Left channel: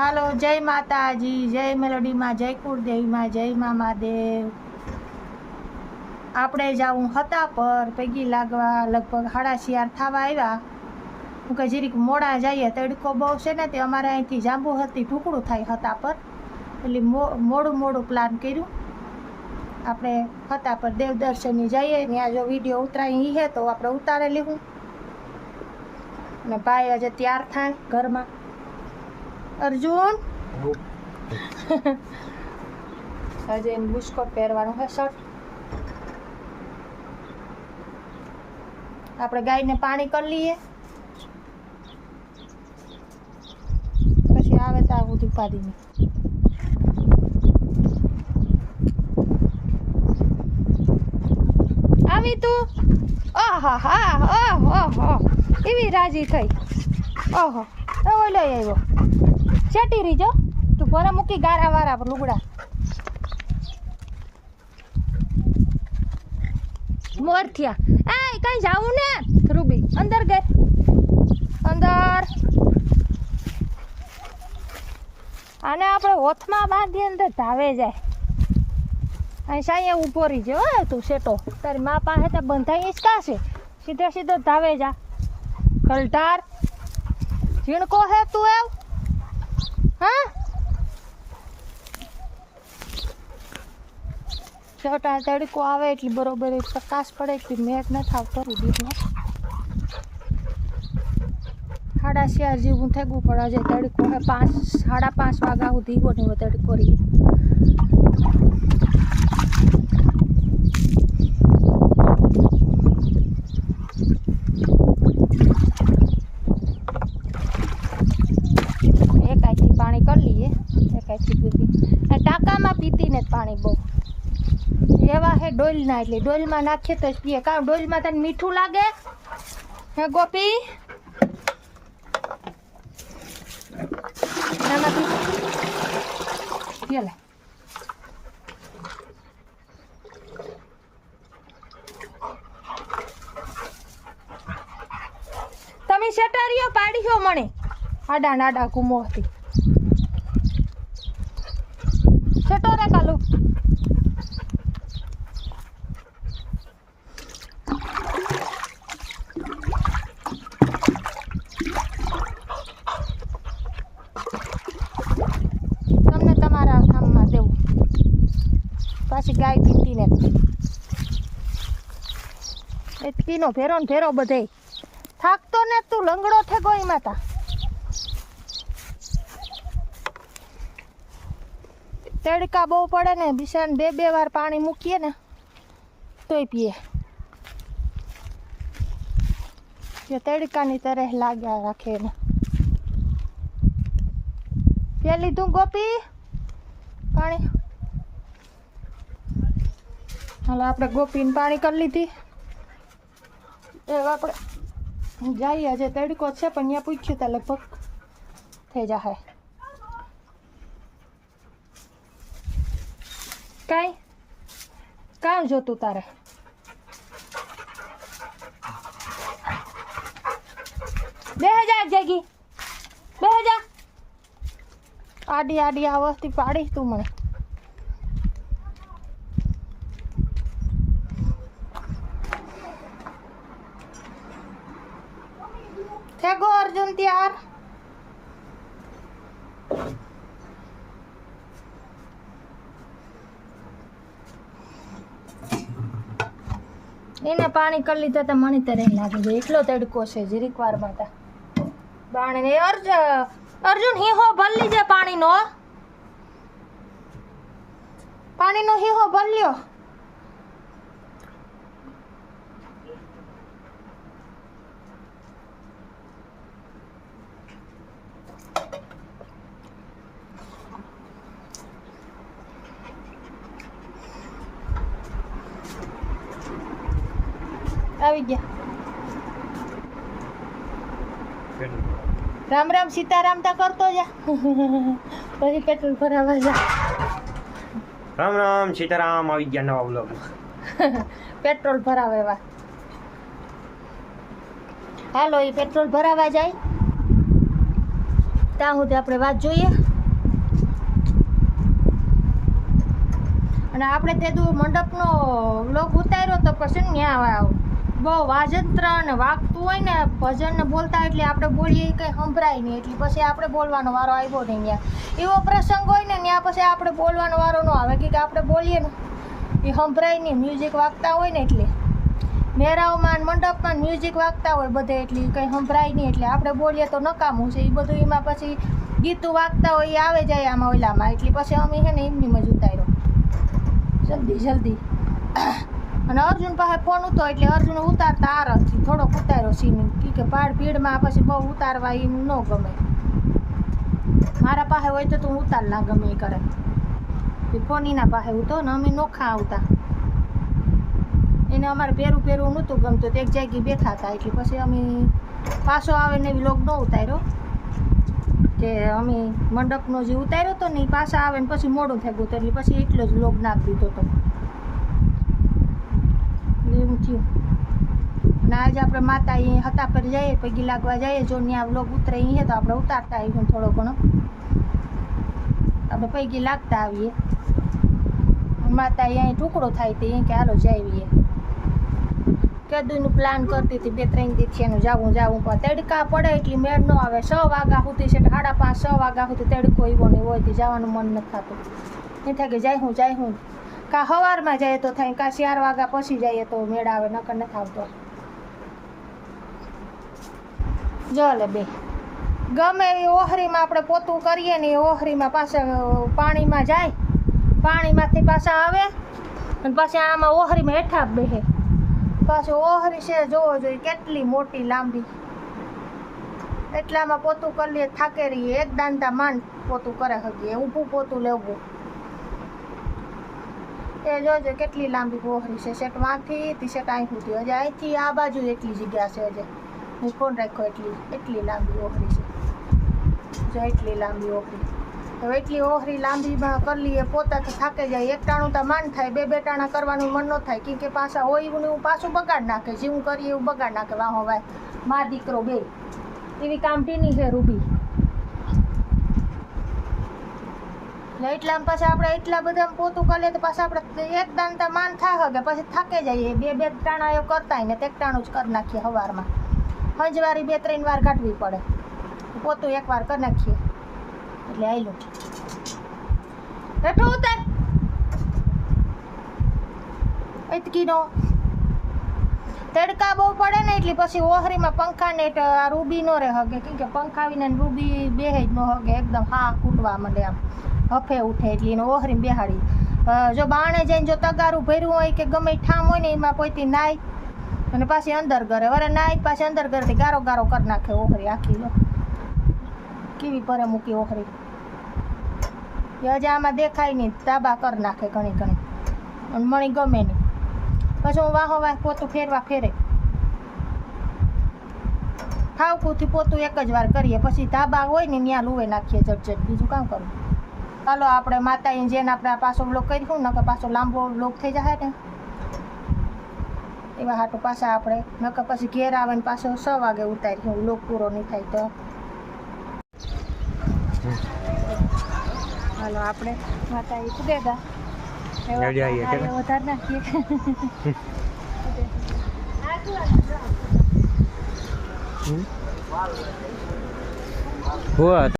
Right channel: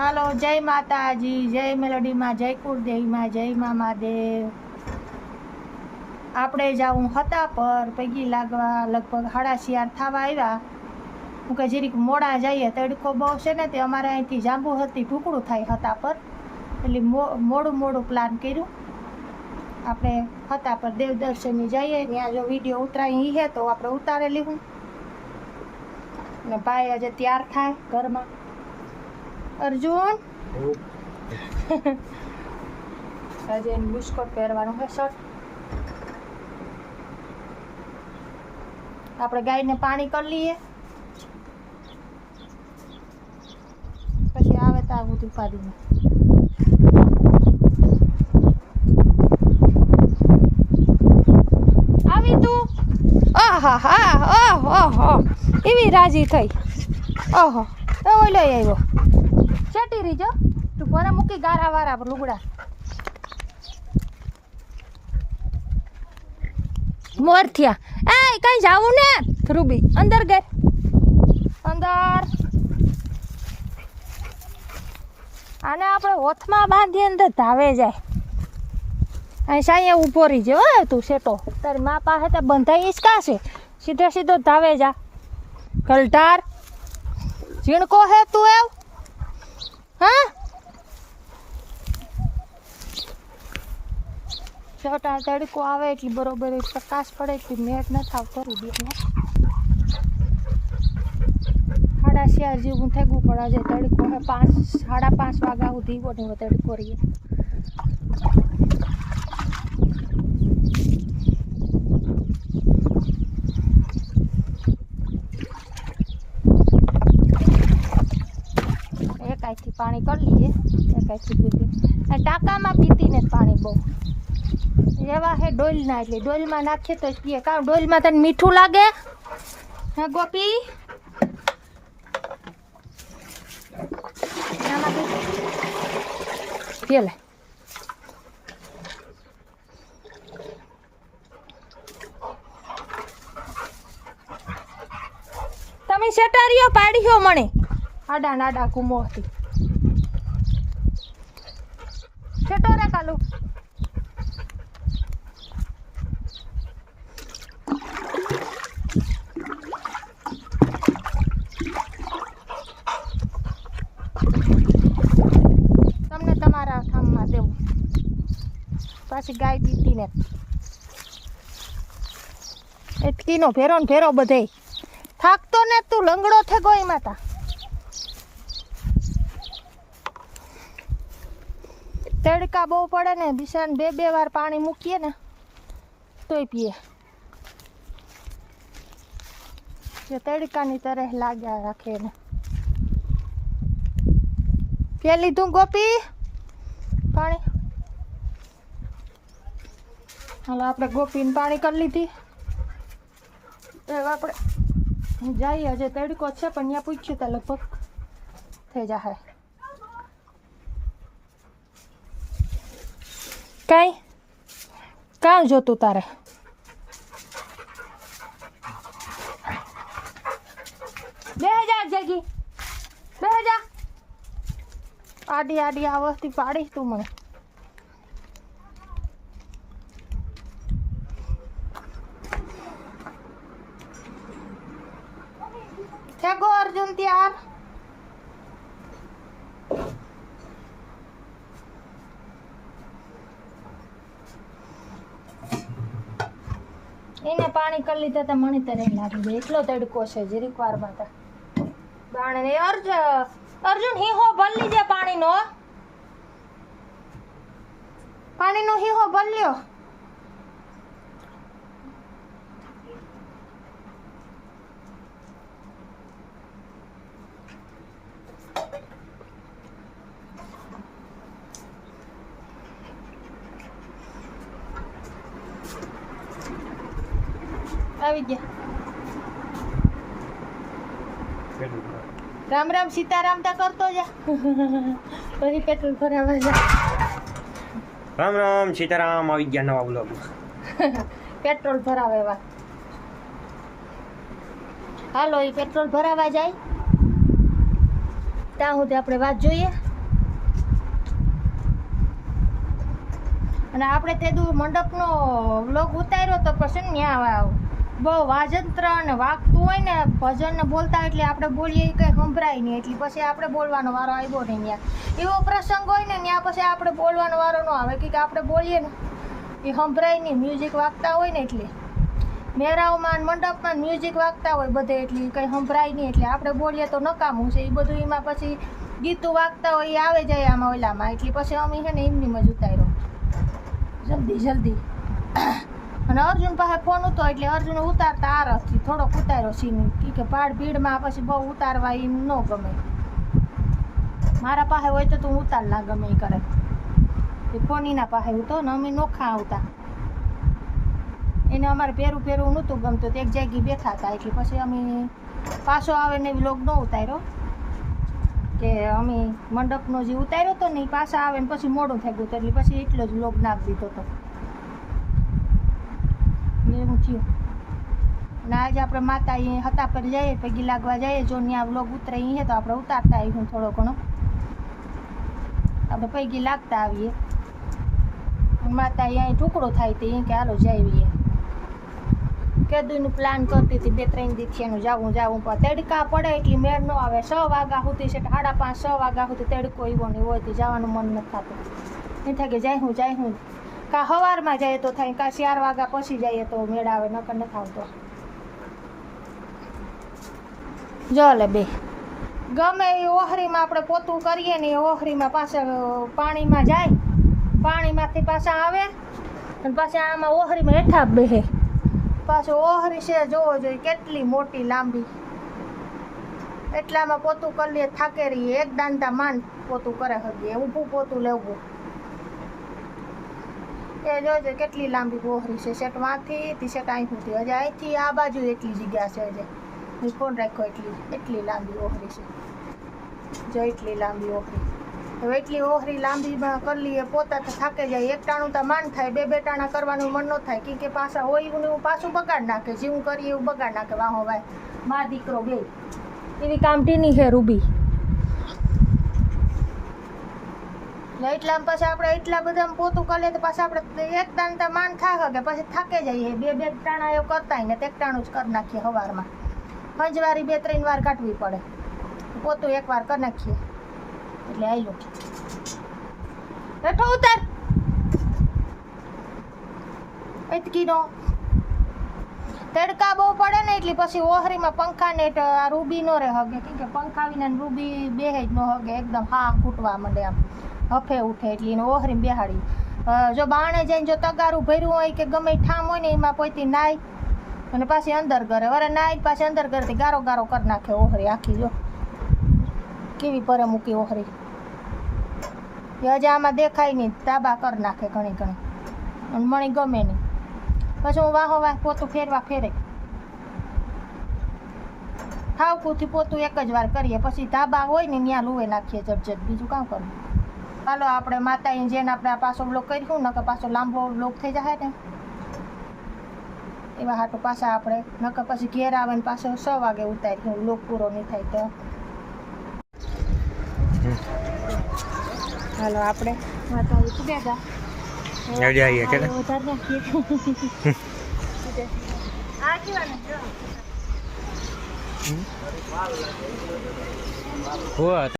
હાલો, જય માતાજી, જય મેલોડીમાં, જય કુળદેવીમાં, જય મા મહાદેવ. આપણે જાવું હતા પર પૈકી લાગવા લગભગ હાડા શિયાર થવા આવ્યા. હું કે જરીક મોડા જઈએ, તડકો બહુ છે ને, તે અમારે અહીંથી જાંબુ હતી ઢુકડું થાય હતા પર. એટલે મોડું મોડું પ્લાન કર્યું. આપણે હતા પર દેવ દર્શને જઈએ. ત્યાં જો વીડિયો ઉતરાય હે તો આપણે ઉતારે લીધું. અને ભાઈ આજે તૈયાર થાય ઘરમાં. અર્જુન? આજે એને બુસ્કોટ પહેરવાનું છે સર. આપણે ગાયને પાણી કરી લઈએ. પછી આવે તો આવું ઉપાડીને. આવી તું? આહા હા ઓહો એવી રાજી થઈ. ઓહો એ લઈ આવ્યો. ચટી રીજો તું ભરે મૂકી ગારા વારા લુગડા. મોર થયા. એ કઈ જાવું ને? રૂબી, અંદર ગઈ. અંદર. આને આપણે હોથમાં બાંધી અંદર ધાવે જાય. અહીં સાંયે ઊભો રહીજો હે, તું શેટો. તારી મા પાસે તો બંધાઈ ઈસકા છે? સીધો સીધો ધાવે જા. કલટાર ઝીણકો હે તું એવ હા? તડકો આવે એટલી બરોબર પ્રકાશ પડે એટલી મેઘ નથી આવતો રૂબીને સાડા ચાર જેવું થેગવું પડે છે તડકો પાંચ, સાડા પાંચ વાગ્યા સુધી બને તડકો રહી એક આઈથી પાણી કરી આઈથી પીતી આ ટાંકામાં પીતી ને પાણી બહુ. એવા હે ડોલના એટલે ડોલમાં નાખીએ તો પીએ. કારણ ડોલમાં તને મીઠું લાગે? હે ગોપી? તમે સેટારીઓ પાડ્યો મને આડા નાડા કુમોથી સેટો રે કાલુ તમને તમારા કામમાં દેવું પાછી ગાય પીતી ને. એટલીનો ભેરો ને ભેરો બધે. થાકતો ને તું, લંગડો થે ગઈ માતા. તડકા બહુ પડે ને, બિસાન બે બે વાર પાણી મૂકીએ ને, તોય પીએ. જે તડકાની તરહ લાગ્યા રાખે એને. પી લીધું ગોપી પાણી હાલો આપણે ગોપીને પાણી કરી લીધી. હવે આપણે જઈએ હજે તડકો છે પણ અહીંયા પૂછ્યું ત્યાં લગભગ. થઈ જશે કાંઈ? કાં જોતું તારે? બે હજાર જગી. બે હજાર. આડી આડી આ વસ્તી પાડી તું મને થેગો અર્જુન ત્યાર એને પાણી કરી લીધા તો મને તરે લાગી છે. એટલો તડકો છે, જીરીક વાર માટે બાણે ને અર્જુન અર્જુન, હીહો ભર લીજે પાણીનો. પાણીનો હીહો ભર લ્યો. રામ રામ સીતારામ તા કરતો જા. પછી પેટ્રોલ ભરાવા જા. રામ રામ સીતારામ આવી ગયા નવા બ્લોગમાં પેટ્રોલ ભરાવે એવા. હાલો એ પેટ્રોલ ભરાવા જાય. ત્યાં સુધી આપણે વાત જોઈએ. અને આપણે તે મંડપનો વ્લોગ ઉતાર્યો તો પછી ત્યાં આવ. બહુ વાજંત્ર અને વાગતું હોય ને ભજન ને બોલતા એટલે આપણે બોલીએ કંઈ સંભળાય નહીં. એટલે પછી આપણે બોલવાનો વારો આવ્યો નહીં ત્યાં. એવો પ્રસંગ હોય ને ત્યાં પછી આપણે બોલવાનો વારો ન આવે. કે આપણે બોલીએ ને, એ સંભળાય નહીં. મ્યુઝિક વાગતા હોય ને એટલે. મેરાઓમાં મંડપમાં મ્યુઝિક વાગતા હોય બધે એટલે કંઈ સંભળાય નહીં. એટલે આપણે બોલીએ તો નકામું છે. એ બધું એમાં પછી ગીતું વાગતા હોય એ આવે જાય આમાં ઓલામાં. એટલે પછી અમે છે ને એમની જ ઉતાર્યો. જલ્દી જલ્દી. અને અર્જુન પાસે ફોન હતો એટલે અર્જુન ઉતારતા આ રથી થોડોક ઉતાર્યો સીન કે પાડ ભીડમાં પછી બહુ ઉતારવા એમ ન ગમે. મારા પાસે હોય તો તું ઉતાર ના ગમે એ કરે. એ ફોન એના પાસે હતો ને અમે નોખા આવતા. એને અમારે પહેરું પહેરું નહોતું ગમતું એક જગ્યાએ બેઠા હતા. એટલે પછી અમે પાછો આવે ને એવી લોક ન ઉતાર્યો. કે અમે મંડપનો જે ઉતાર્યો હતો ને એ પાછા આવે ને પછી મોડું થઈ ગયું એટલે પછી એટલો જ લોક નાખી દીધો હતો. એટલે એવું થયું. અને આજે આપણે માતા એ હતા પર જઈએ, પગી લાગવા જઈએ. જો ત્યાં વ્લોગ ઉતરે અહીંયા તો આપણે ઉતારતા આવીશું થોડો ઘણો. આપણે પૈકી લાગતા આવીએ. માતા અહીં ટુકડો થાય તો અહીં કે હાલો જઈએ. કેદુનું પ્લાન કરતી હતી બે ત્રણ દિવસથી એનું જાવું જાવું. પણ તડકા પડે એટલી મેળ ન આવે. છ વાગ્યા સુધી છે સાડા પાંચ છ વાગ્યા સુધી તડકો એવો નહીં હોય તો જવાનું મન નથી થતું. નહીં થાય કે જાય હું જાય હું. કા સવારમાં જાય તો થાય, કા ચાર વાગ્યા પછી જઈએ તો મેળ આવે, નકર નથી આવતો. જો લે બે. ગમે એ ઓહરીમાં આપણે પોતું કરીએ ને એ ઓહરીમાં પાછા પાણીમાં જાય, પાણીમાંથી પાછા આવે, અને પાછા આમાં ઓહરીમાં હેઠા બેસે. પાછું ઓહરી છે, જોવો જોઈએ કેટલી મોટી લાંબી. એટલામાં પોતું કરી લઈએ થાકે રહીએ એક દાંતા માંડ પોતું કરે હકીએ ઊભું પોતું લેવું. એ જોજો કેટલી લાંબી ઓહરી છે. સેટ વાંથી ટી શર્ટ અહીં સુધી હજી અહીંથી આ બાજુ એટલી જગ્યા છે હજી. હું ફોન રાખ્યો એટલી એટલી લાંબી ઓહરી છે. જો એટલી લાંબી ઓહરી હવે એટલી ઓહરી લાંબીમાં કરી લઈએ પોતા તો થાકે જાય. એક ટાણું તો માન થાય, બે બે ટાણા કરવાનું મન ન થાય. કેમ કે પાછા હોય એવું એવું પાછું બગાડ નાખે. જેવું કરીએ એવું બગાડ નાખે. વાહો ભાઈ, મા દીકરો બે. એવી કામટીની છે રૂબી. એટલે એટલામાં પછી આપણે એટલા બધા પોતું કરીએ તો પાછા આપણે એક તો માન થા કે પછી થાકે જઈએ. બે બે ટાણા એવું કરતા ને તે ટાણું જ કરી નાખીએ સવારમાં હંજવારી બે ત્રણ વાર કાઢવી પડે. પોતું એક વાર કરી નાખીએ. એટલે આયલું. બેઠો ઉતાર. એતકીનો તડકા બહુ પડે ને એટલે પછી ઓહરીમાં પંખા ને આ રૂબી નો રહે હગે. કે પંખા આવીને રૂબી બેહે જ ન હગે. એકદમ હા કૂટવા માંડે આમ. હફે ઉઠે એટલે એને ઓહરીમાં બેહાડી. જો બાણે જઈને જો તગારું ભર્યું હોય કે ગમે ઠામ હોય ને એમાં પોઈતી નાય અને પાછી અંદર કરે વરે નાય પાછી અંદર કરતી ગારો ગારો કરી નાખે ઓહરી આખી, જો. કેવી પરે મૂકી ઓહરી હજી આમાં દેખાય નહીં તાબા કરી નાખે ઘણી ઘણી. અને મણી ગમે નહીં પછી હું વાહો વાહ પોતું ફેરવા ફેરે. ઠાવકુથી પોતું એક જ વાર કરીએ પછી ધાબા હોય ને ત્યાં લુવે નાખીએ જટ જટ બીજું કામ કરવું ચાલો આપણે માતાએ જેને આપણે પાછો બ્લોક કરીશું નકર પાછો લાંબો બ્લોક થઈ જાય ને એવા હાટું પાછા આપણે નકર પછી ઘેર આવે ને પાછો છ વાગે ઉતારી બ્લોક પૂરો નહીં થાય તો. હાલો આપણે માતાજી પૂગેગા આવજે આવીએ કે? વધારે નાખીએ આ કેવા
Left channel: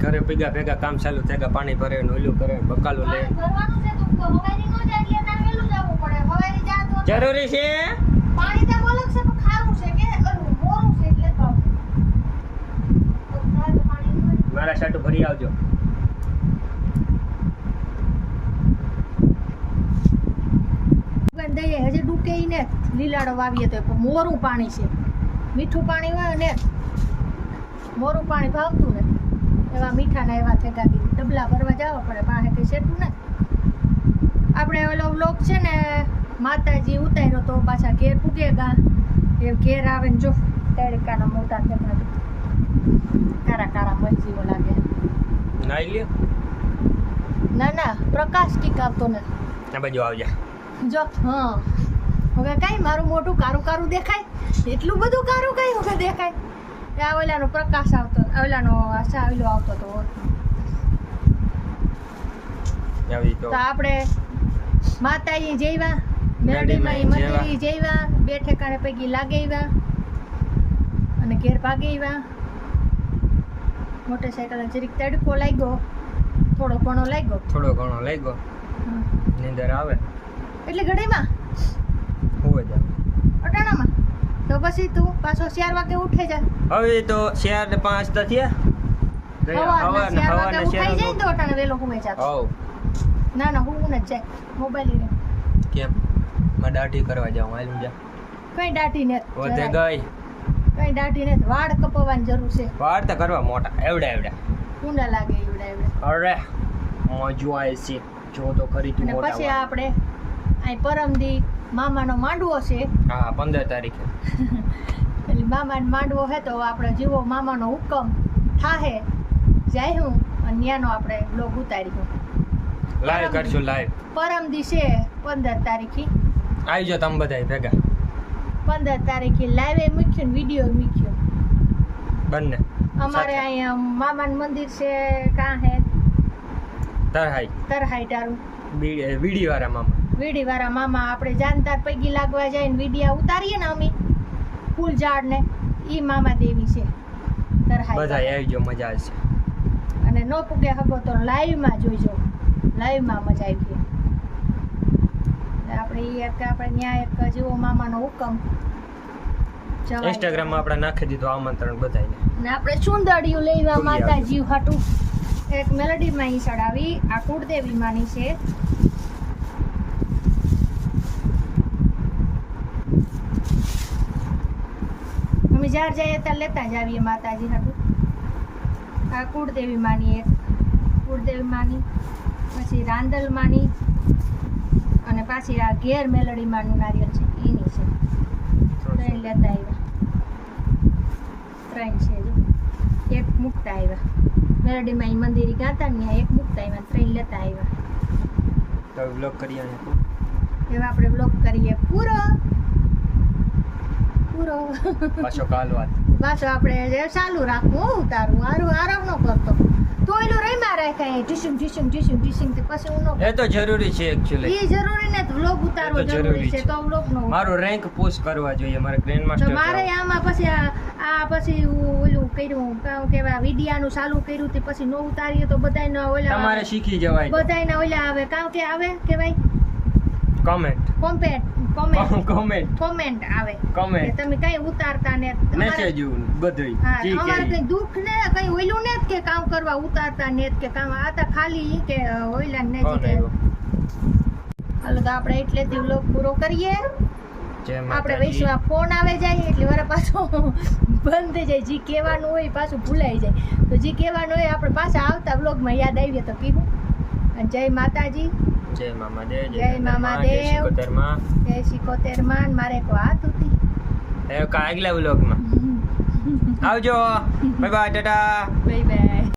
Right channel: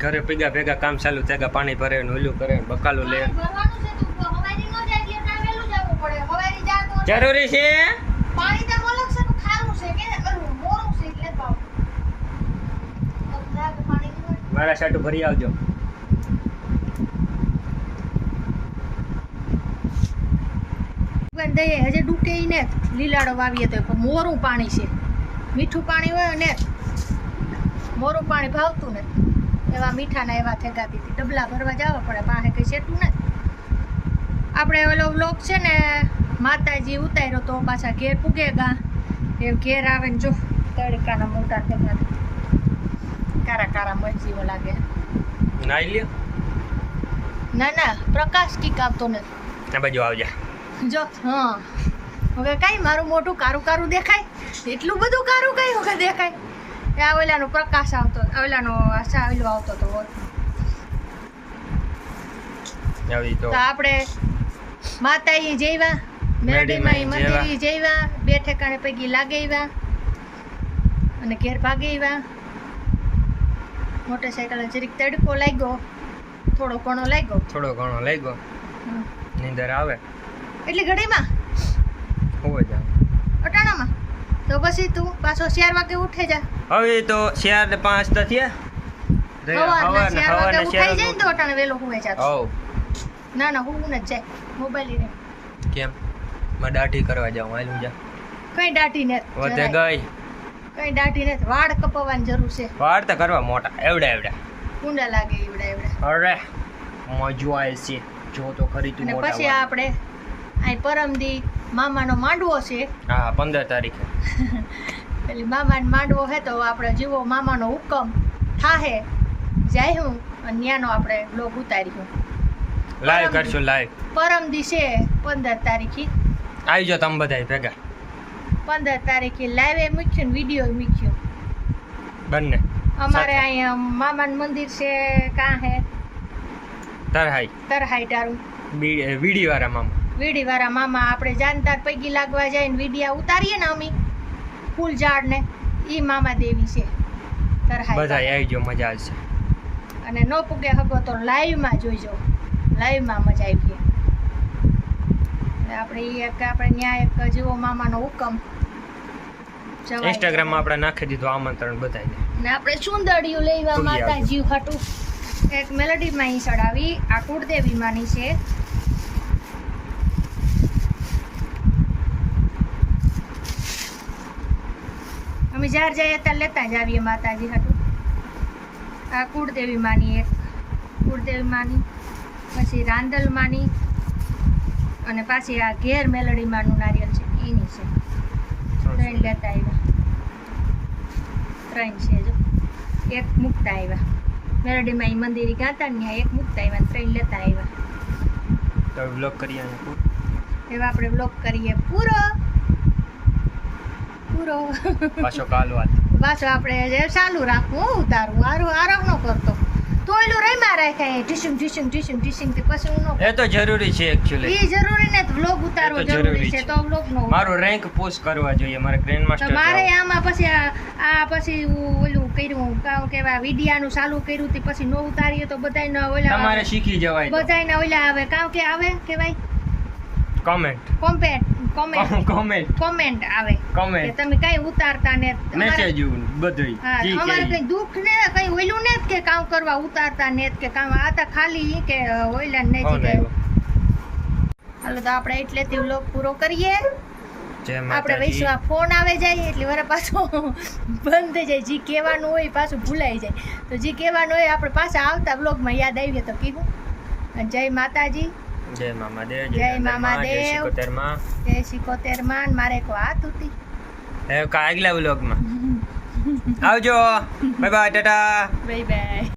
ઘરે ભેગા ભેગા કામ ચાલુ થયા પાણી ભરે ને ઓલું કરે બકાલું લે. જરૂરી છે? મારા સાટુ ભરી આવજો. દઈએ હજી ડૂકે ને. લીલાડો વાવીએ તો પણ મોરું પાણી છે. મીઠું પાણી હોય ને મોરું પાણી ભાવતું ને એવા મીઠાના એવા થેગા દીધી. ડબલા ભરવા જવા પડે પાસે કઈ શેતું ને આપણે ઓલો વ્લોગ છે ને માતાજી ઉતાર્યો તો પાછા ઘેર પૂગે ગા. એ ઘેર આવે ને જો તડકાના મોટા થેગા કારા કારા મલજીવો લાગે. નાઈ લ્યો. ના ના પ્રકાશ ટીક આવતો નથી. આ બાજુ આવજા. જો હા. હવે કાંઈ મારું મોટું કારું કારું દેખાય? એટલું બધું કારું કઈ વખત દેખાય? આ ઓલાનો પ્રકાશ આવતો ઓલાનો ઓલો આવતો હતો. આવી તો. આપણે માતાજી જઈવા મેરડીમાં મંદિરે જઈવા બે ઠેકાણે પૈકી લાગેવા અને ઘેર ભાગેવા. મોટરસાયકલ જરીક તડકો લાગ્યો થોડો ઘણો લાગ્યો. થોડો ઘણો લાગ્યો. નીંદર આવે. એટલે ઘડીમાં? હોવે જાવ અટાણામાં? તો પછી તું પાછો ચાર વાગે ઉઠે જા. હવે તો ચાર ને પાંચ તો થયા. ના ના હું નથી જાય. મોબાઈલ લઈને કેમ? માં દાઢી કરવા જાઉં હાલું જા. કઈ દાઢી ને વધે ગઈ. કઈ દાઢી ને વાળ કપાવવાની જરૂર છે. વાળ તો કરવા મોટા એવડા એવડા. કુંડા લાગે એવડા એવડા. અરે મજો આવે છે. જો તો ખરી તું મોટા પછી. આપણે આ પરમદી મામાનો માંડવો છે. હા પંદર તારીખે. એટલે મામાનો માંડવો હે તો આપણે જીવો મામાનો હુકમ થાહે. જાય હું અને ત્યાંનો આપણે બ્લોગ ઉતારીશું. લાઈવ કરશું લાઈવ પરમ છે પંદર તારીખે. આવી જાઓ તમે બધા ભેગા. પંદર તારીખે લાઈવે મૂક્યું ને વીડિયો મૂક્યો. બંને. અમારે. અહીંયા મામાન મંદિર છે કાં હે? તરહાઈ. તરહાઈ તારું વાળા મામા. વીડી વાળા મામા આપણે જાનતાર પૈકી લાગવા જાય ને વીડિયા ઉતારીએ ને અમે ફૂલ ઝાડ ને ઈ મામા દેવી છે. બધા આવી જાઓ મજા આવશે. અને નો પૂગે હગો તો લાઈવમાં જોઈજો. લાઈવમાં મજા આવી આપણે એક આપણે ન્યાય એક જેવો મામાનો હુકમ. ઇન્સ્ટાગ્રામમાં આપણે નાખી દીધું આમંત્રણ બધાને ને આપણે સુંદરિયું લેવા. માતાજી હાટું. એક મેલોડીમાં અહીં ચડાવી આ કુળદેવી માની છે. અમે જ્યાં જઈએ ત્યાં લેતા જ આવીએ માતાજી હાટું. આ કુળદેવી માની એક. કુળદેવી માની પછી રાંદલ માની અને પાછી આ ઘેર મેલડી માનું નારિયેલ છે. એની છે. ત્રણ લેતા આવ્યા. ત્રણ છે જો. એક મૂકતા આવ્યા. મેલડીમાં એ મંદિરે ગાતા ને એક મૂકતા આવ્યા ત્રણ લેતા આવ્યા. તો બ્લોગ કરીએ એવા આપણે બ્લોક કરીએ પૂરો. પૂરો. પાછો કાલ વાત પાછો આપણે જે ચાલુ રાખવું ઉતારું આરું આરામ ન કરતો. તો એલું રાખે રાખાય ઢીસુમ ઢીસુમ ઢીસુમ ઢીસુમ તે પછી હું એ તો જરૂરી છે એકચ્યુઅલી એ જરૂરી ને વ્લોગ ઉતારવો જરૂરી છે. તો વ્લોગ નો મારો રેન્ક પોસ્ટ કરવા જોઈએ મારે ગ્રેન્ડ માસ્ટર મારે આમાં પછી આ પછી ઓલું કર્યું કાં કેવા વિડિયાનું ચાલુ કર્યું તે પછી નો ઉતારીએ તો બધાયના ઓલા તમારે શીખી જવાય બધાયના ઓલા આવે. કાઉ કે આવે કેવાય comment comment comment comment comment આવે. કોમેન્ટ તમે કઈ ઉતારતા ને મેસેજ બધું જી કે અમારે કઈ દુખ ને કઈ ઓલું ને કે કામ કરવા ઉતારતા ને કે કામ. આ તો ખાલી કે ઓઈલા ને જી કે હાલો તો આપણે એટલેથી વ્લોગ પૂરો કરીએ. આપણે વૈશ્વા ફોન આવે જાય એટલે વરે પાછો બંધ થઈ જાય. જી કહેવાનું હોય પાછું ભૂલાઈ જાય. તો જી કહેવાનું હોય આપણે પાછા આવતા વ્લોગમાં યાદ આવીએ તો કીધું. જય માતાજી. જય મામા દેવ જય મામા જય દેવ. શિકોતેરમાં જય સિકોતેરમાં મારે એક વાત હતી. કાગલા આગલા વ્લોગમાં. આવજો. Bye bye tata. Bye bye.